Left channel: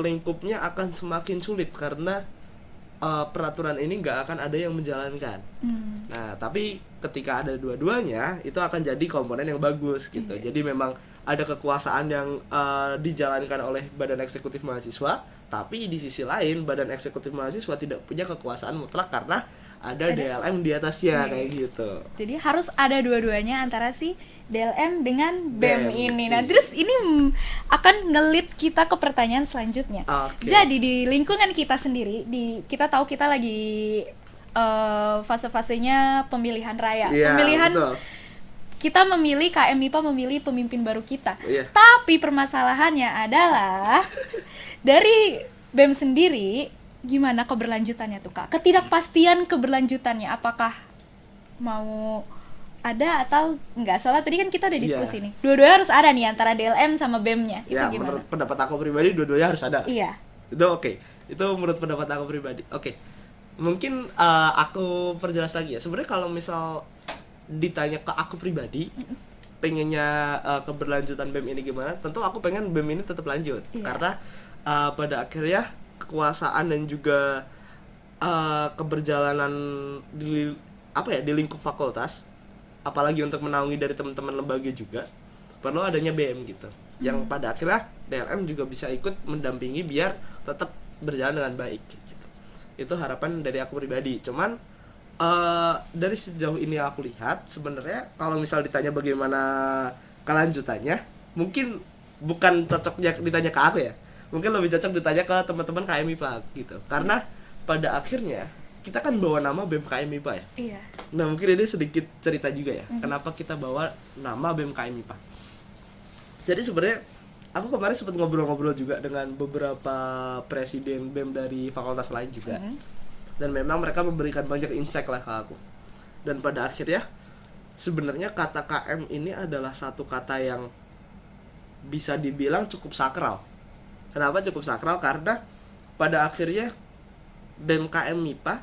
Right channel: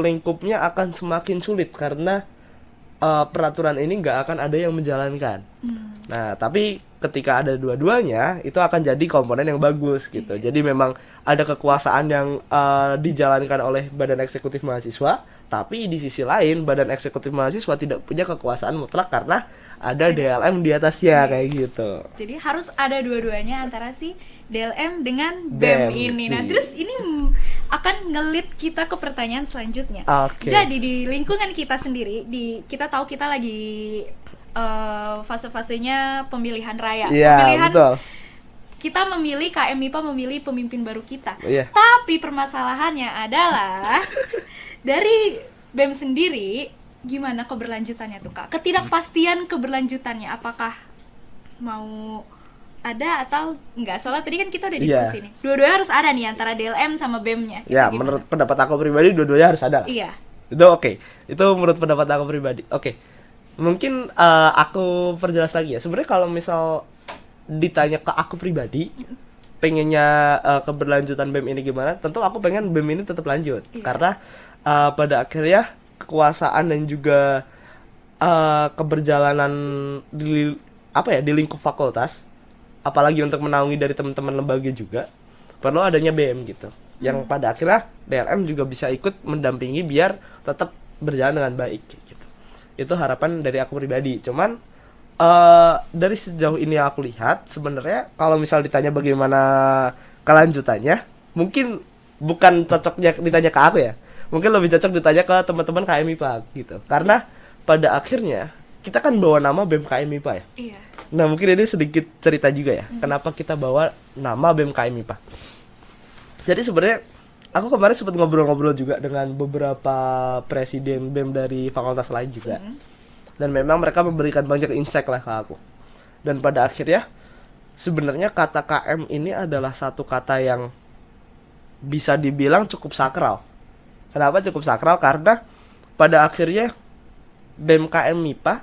lingkupnya akan semakin sulit karena peraturan ini nggak akan ada yang menjalankan. Nah, tapi ketika ada dua-duanya, itu akan jadi komponen yang bagus gitu. Jadi memang ada kekuasaan yang dijalankan oleh Badan Eksekutif Mahasiswa, tapi di sisi lain Badan Eksekutif Mahasiswa tidak punya kekuasaan mutlak karena ada DLM di atasnya kayak gitu. Jadi harus ada dua-duanya antara si DLM dengan BEM ini. Nah, terus ini akan ngelit kita ke pertanyaan selanjutnya. Jadi di lingkungan kita sendiri, kita tahu kita lagi fase-fasenya pemilihan raya. Pemilihan betul. Kita memilih KM MIPA memilih pemimpin baru kita. Tapi permasalahannya adalah dari BEM sendiri gimana keberlanjutannya tuh Kak? Ketidakpastian keberlanjutannya apakah mau ada atau enggak? Soalnya tadi kan kita udah diskusi nih. Dua-duanya harus ada nih antara DLM sama BEM-nya. Ya, menurut pendapat aku pribadi dua-duanya harus ada. Iya. Itu oke. Itu menurut pendapat aku pribadi. Oke. Mungkin aku perjelas lagi ya. Sebenarnya kalau misal ditanya ke aku pribadi, pengennya keberlanjutan BEM ini gimana? Tentu aku pengen BEM ini tetap lanjut. Karena pada akhirnya kekuasaan dan juga keberjalanan di lingkup fakultas, apalagi untuk menaungi dari teman-teman lembaga juga perlu adanya BEM gitu. Yang pada akhirnya DLM juga bisa ikut mendampingi biar tetap berjalan dengan baik gitu. Itu harapan dari aku pribadi. Cuman dari sejauh ini aku lihat sebenarnya kalau misal ditanya bagaimana kelanjutannya, mungkin bukan cocoknya ditanya ke aku ya. Mungkin lebih cocok ditanya ke teman-teman KM MIPA gitu. Karena pada akhirnya kita kan bawa nama BEM KM MIPA ya. Iya. Nah, mungkin ini sedikit cerita juga ya. Kenapa kita bawa nama BEM KM MIPA. Jadi sebenarnya aku kemarin sempat ngobrol-ngobrol juga dengan beberapa presiden BEM dari fakultas lain juga. Dan memang mereka memberikan banyak insight lah ke aku. Dan pada akhirnya sebenarnya kata KM ini adalah satu kata yang bisa dibilang cukup sakral. Kenapa cukup sakral? Karena pada akhirnya BEM KM MIPA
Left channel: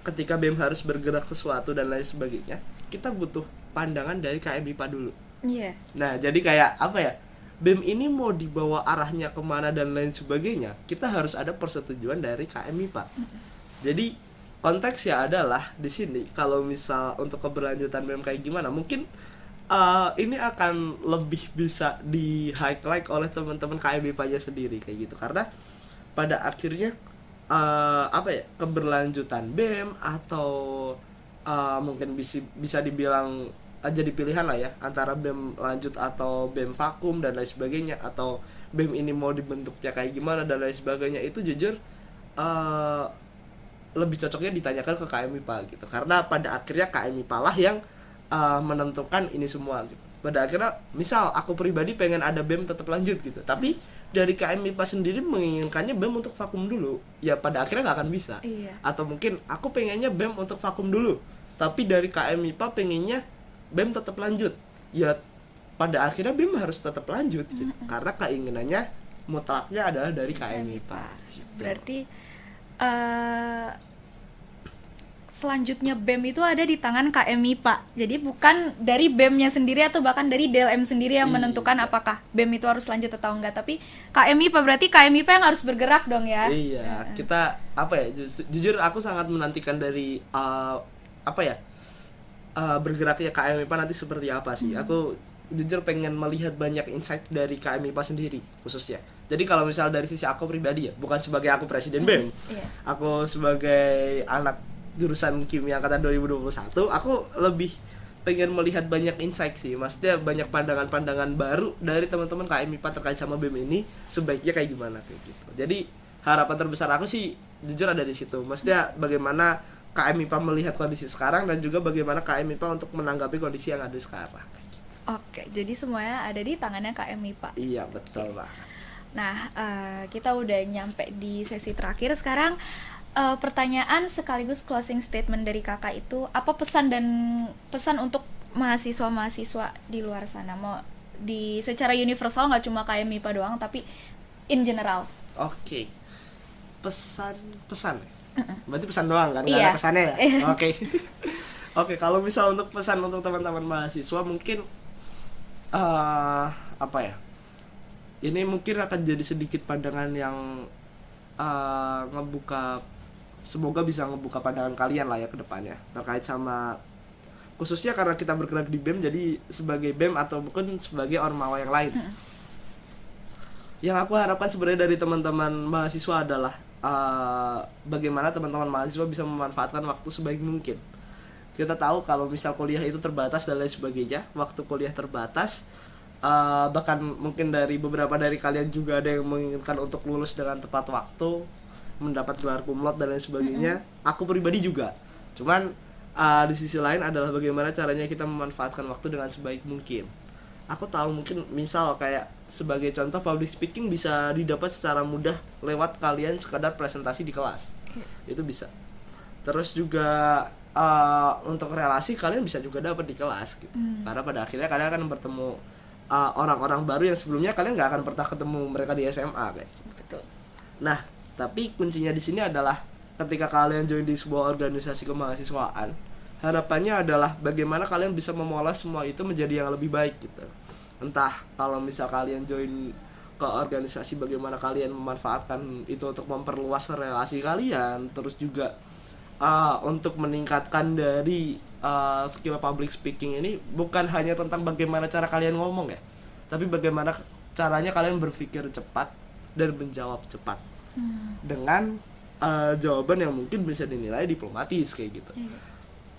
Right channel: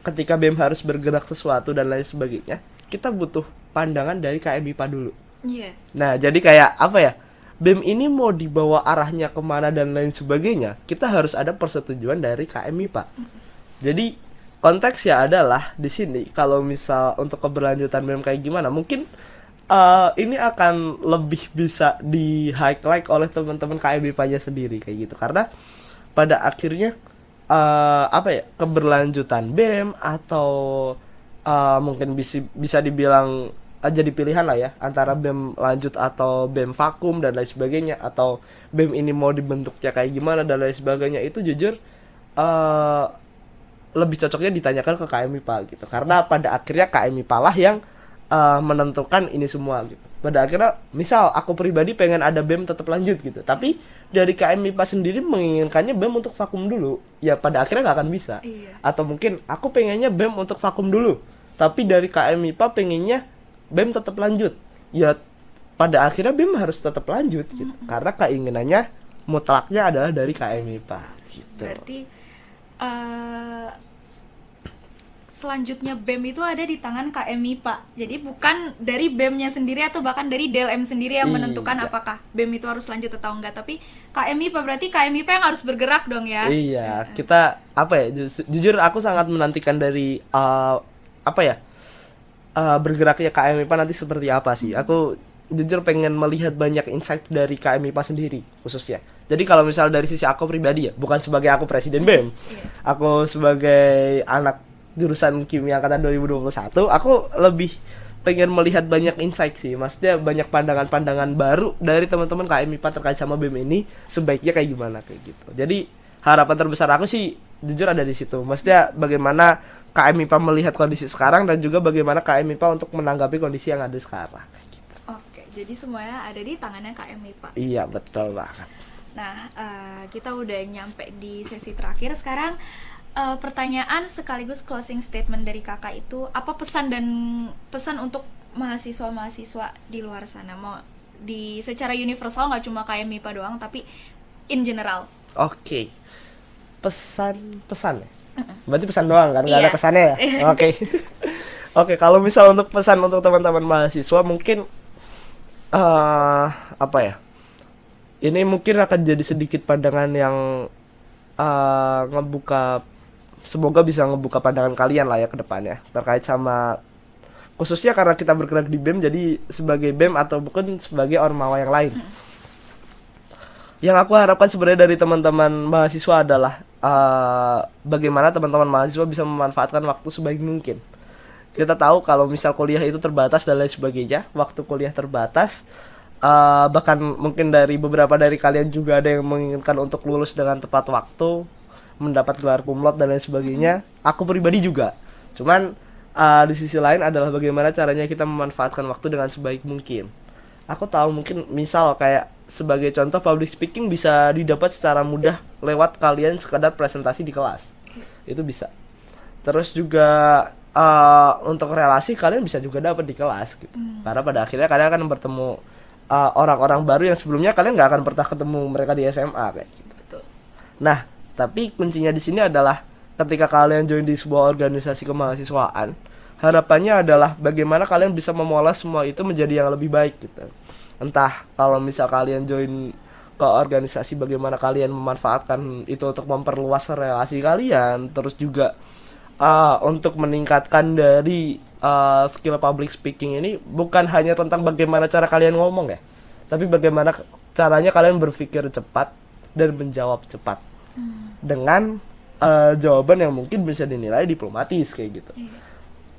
ketika BEM harus bergerak sesuatu dan lain sebagainya, kita butuh pandangan dari KM MIPA dulu. Nah, jadi kayak apa ya? BEM ini mau dibawa arahnya kemana dan lain sebagainya, kita harus ada persetujuan dari KM MIPA. Jadi konteksnya adalah di sini kalau misal untuk keberlanjutan BEM kayak gimana, mungkin ini akan lebih bisa di highlight oleh teman-teman KM MIPA-nya sendiri kayak gitu. Karena pada akhirnya keberlanjutan BEM atau mungkin bisa dibilang jadi pilihan lah ya antara BEM lanjut atau BEM vakum dan lain sebagainya, atau BEM ini mau dibentuknya kayak gimana dan lain sebagainya, itu jujur lebih cocoknya ditanyakan ke KM MIPA gitu. Karena pada akhirnya KM MIPA lah yang menentukan ini semua gitu. Pada akhirnya misal aku pribadi pengen ada BEM tetap lanjut gitu, tapi dari KM MIPA sendiri menginginkannya BEM untuk vakum dulu, ya pada akhirnya nggak akan bisa. Atau mungkin aku pengennya BEM untuk vakum dulu, tapi dari KM MIPA pengennya BEM tetap lanjut, ya pada akhirnya BEM harus tetap lanjut gitu. Karena keinginannya mutlaknya adalah dari KM MIPA gitu. Berarti selanjutnya BEM itu ada di tangan KM MIPA. Jadi bukan dari BEM-nya sendiri atau bahkan dari DLM sendiri yang menentukan apakah BEM itu harus lanjut atau enggak, tapi KM MIPA. Berarti KM MIPA yang harus bergerak dong ya. Iya, kita jujur aku sangat menantikan dari bergeraknya KM MIPA nanti seperti apa sih. Aku jujur pengen melihat banyak insight dari KM MIPA sendiri khususnya. Jadi kalau misal dari sisi aku pribadi ya, bukan sebagai aku presiden BEM. Aku sebagai anak jurusan kimia angkatan 2021, aku lebih pengen melihat banyak insight sih. Maksudnya banyak pandangan-pandangan baru dari teman-teman KM MIPA terkait sama BEM ini sebaiknya kayak gimana kayak gitu. Jadi harapan terbesar aku sih jujur ada di situ. Maksudnya bagaimana KM MIPA melihat kondisi sekarang dan juga bagaimana KM MIPA untuk menanggapi kondisi yang ada sekarang. Oke, jadi semuanya ada di tangannya KM MIPA. Iya, betul banget. Nah, kita udah nyampe di sesi terakhir sekarang. Pertanyaan sekaligus closing statement dari kakak itu, apa pesan untuk mahasiswa di luar sana, mau di secara universal, nggak cuma KM MIPA doang tapi in general. Oke. Pesan berarti pesan doang kan, nggak ada pesannya ya. Oke, kalau misal untuk pesan untuk teman-teman mahasiswa mungkin ini mungkin akan jadi sedikit pandangan yang ngebuka, semoga bisa ngebuka pandangan kalian lah ya ke depannya terkait sama, khususnya karena kita bergerak di BEM, jadi sebagai BEM atau bukan sebagai ormawa yang lain. Yang aku harapkan sebenarnya dari teman-teman mahasiswa adalah bagaimana teman-teman mahasiswa bisa memanfaatkan waktu sebaik mungkin. Kita tahu kalau misal kuliah itu terbatas dan lain sebagainya, waktu kuliah terbatas, bahkan mungkin dari beberapa dari kalian juga ada yang menginginkan untuk lulus dengan tepat waktu, mendapat gelar cum laude dan lain sebagainya. Aku pribadi juga. Cuman di sisi lain adalah bagaimana caranya kita memanfaatkan waktu dengan sebaik mungkin. Aku tahu mungkin misal kayak sebagai contoh public speaking bisa didapat secara mudah lewat kalian sekadar presentasi di kelas. Itu bisa. Terus juga untuk relasi kalian bisa juga dapat di kelas gitu. Karena pada akhirnya kalian akan bertemu orang-orang baru yang sebelumnya kalian nggak akan pernah ketemu mereka di SMA kayak gitu. Betul. Nah, tapi kuncinya di sini adalah ketika kalian join di sebuah organisasi kemahasiswaan, harapannya adalah bagaimana kalian bisa memoles semua itu menjadi yang lebih baik gitu. Entah kalau misal kalian join ke organisasi, bagaimana kalian memanfaatkan itu untuk memperluas relasi kalian, terus juga untuk meningkatkan dari skill public speaking ini bukan hanya tentang bagaimana cara kalian ngomong ya, tapi bagaimana caranya kalian berpikir cepat dan menjawab cepat dengan jawaban yang mungkin bisa dinilai diplomatis kayak gitu.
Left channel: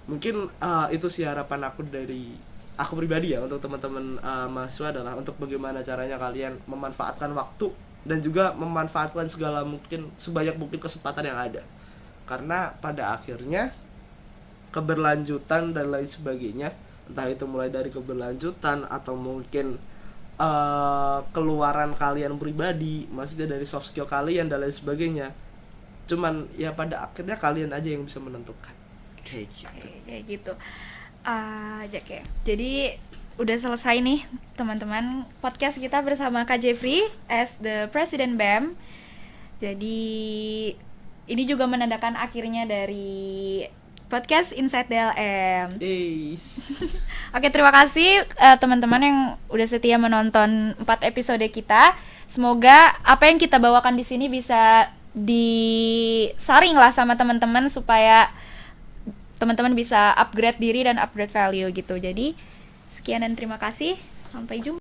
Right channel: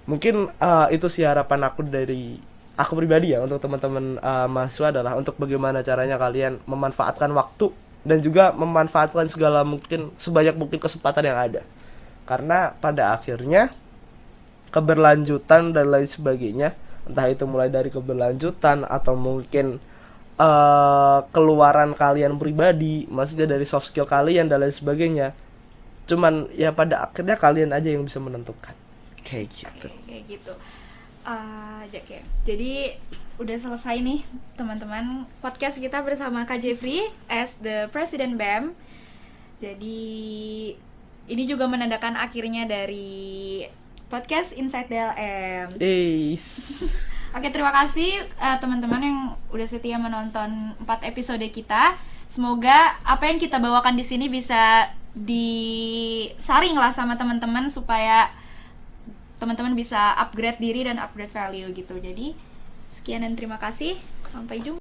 Mungkin itu sih harapan aku dari aku pribadi ya untuk teman-teman mahasiswa, adalah untuk bagaimana caranya kalian memanfaatkan waktu dan juga memanfaatkan segala mungkin sebanyak mungkin kesempatan yang ada. Karena pada akhirnya keberlanjutan dan lain sebagainya, entah itu mulai dari keberlanjutan atau mungkin keluaran kalian pribadi, maksudnya dari soft skill kalian dan lain sebagainya, cuman ya pada akhirnya kalian aja yang bisa menentukan kayak gitu. Kayak gitu. Jadi udah selesai nih teman-teman podcast kita bersama Kak Jeffrey as the President BEM. Jadi ini juga menandakan akhirnya dari podcast Inside DLM. Oke, terima kasih teman-teman yang udah setia menonton 4 episode kita. Semoga apa yang kita bawakan di sini bisa disaring lah sama teman-teman supaya teman-teman bisa upgrade diri dan upgrade value gitu. Jadi sekian dan terima kasih. Sampai jumpa.